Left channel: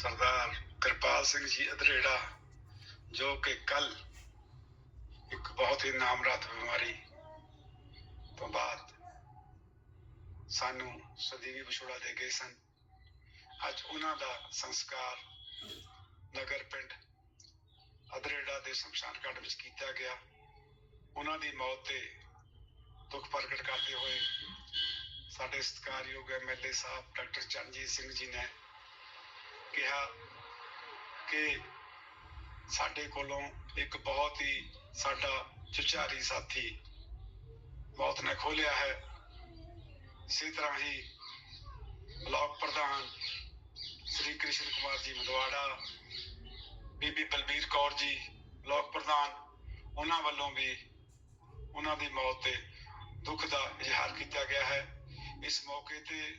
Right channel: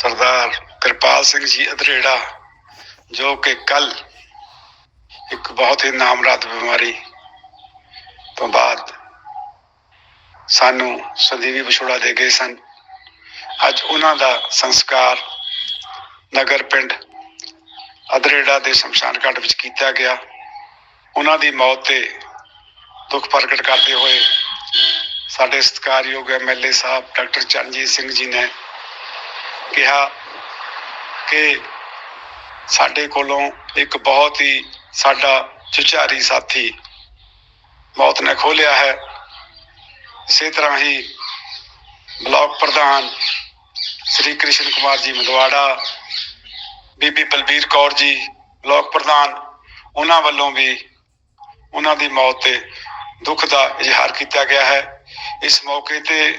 ਸਰਦਾਰ ਕਿਰਪਾਲ ਸਿੰਘ ਜੀ ਅਧਰੇੜਾ, ਜੋ ਕਿ ਕੱਲ ਇੱਕ ਬਹੁਤ ਹੀ ਨਾਮਰਾਦ ਬਿਮਾਰੀ ਤੋਂ ਬਾਅਦ ਸਾਨੂੰ ਸੰਦੀਵੀ ਵਿਛੋੜਾ ਦੇ ਗਏ ਸਨ। ਅੱਜ ਉਹਨਾਂ ਦਾ ਸੰਸਕਾਰ ਨਗਰ ਪਿੰਡ ਅਧਰੇੜਾ ਦੇ ਸ਼ਮਸ਼ਾਨ ਘਾਟ ਵਿੱਚ ਕੀਤਾ ਗਿਆ। ਉਹਨਾਂ ਦੀ ਮੌਤ ਤੇ ਦੁੱਖ ਪ੍ਰਗਟ ਕਰਦੇ ਹੋਏ ਸਾਡੇ ਸਤਿਕਾਰਯੋਗ ਐਮਐਲਏ ਸਾਹਿਬ ਡਾਕਟਰ ਚਰਨਜੀਤ ਸਿੰਘ ਜੀ ਨੇ ਕਿਹਾ ਕਿ ਸਾਡੇ ਕੋਲੋਂ ਇੱਕ ਬਹੁਤ ਹੀ ਸਾਡਾ ਚੁਚਾਰੀ ਸਾਥੀ ਮੌਤ ਨੇ ਖੋਲਿਆ ਹੈ। ਇਸੇ ਤਰ੍ਹਾਂ ਹੀ ਬਲਾਕ ਪ੍ਰਧਾਨ ਸ੍ਰੀ ਕ੍ਰਿਸ਼ਨ ਕੁਮਾਰ ਜੀ ਮਦਵਾੜਾ ਬੀਬੀ ਬਲਬੀਰ ਕੌਰ ਜੀ, ਬਲਾਕ ਪ੍ਰਧਾਨ, ਉਹਨਾਂ ਵੱਲੋਂ ਵੀ ਉਹਨਾਂ ਦੀ ਮੌਤ ਤੇ ਦੁੱਖ ਦਾ ਇਜ਼ਹਾਰ ਕੀਤਾ ਗਿਆ ਹੈ। ਇਸ ਮੌਕੇ ਤੇ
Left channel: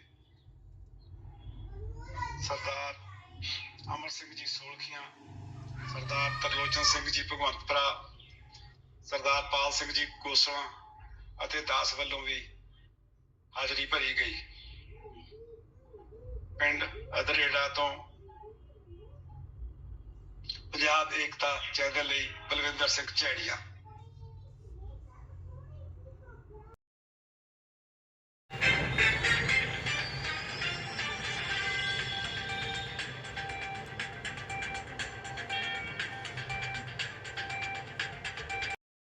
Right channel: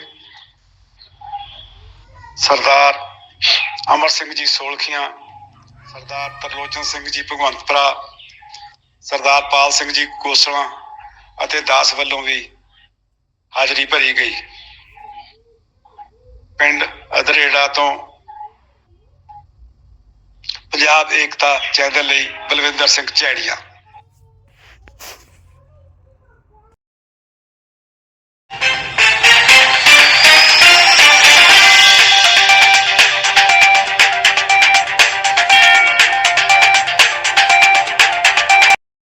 ਸਰਦਾਰ ਅਮਰ ਸਿੰਘ ਜੀ ਸੋਲਖੀਆਂ, ਸਰਦਾਰ ਤਰਲੋਚਨ ਸਿੰਘ ਜੀ ਭਗਵੰਤਪੁਰਾ, ਸਰਦਾਰ ਪਾਲ ਸਿੰਘ ਜੀ ਕੋਸਲਾ ਅਤੇ ਦਾਸ ਵੱਲੋਂ ਵੀ ਹਾਜ਼ਰੀ ਭਰੀ ਗਈ। ਪਿੰਡ ਅਧਰੇੜਾ ਤੋਂ ਪੰਜਾਬ ਏਕਤਾ ਚੈਨਲ ਲਈ ਬਲਵਿੰਦਰ ਸਿੰਘ ਝੈੜੀਆ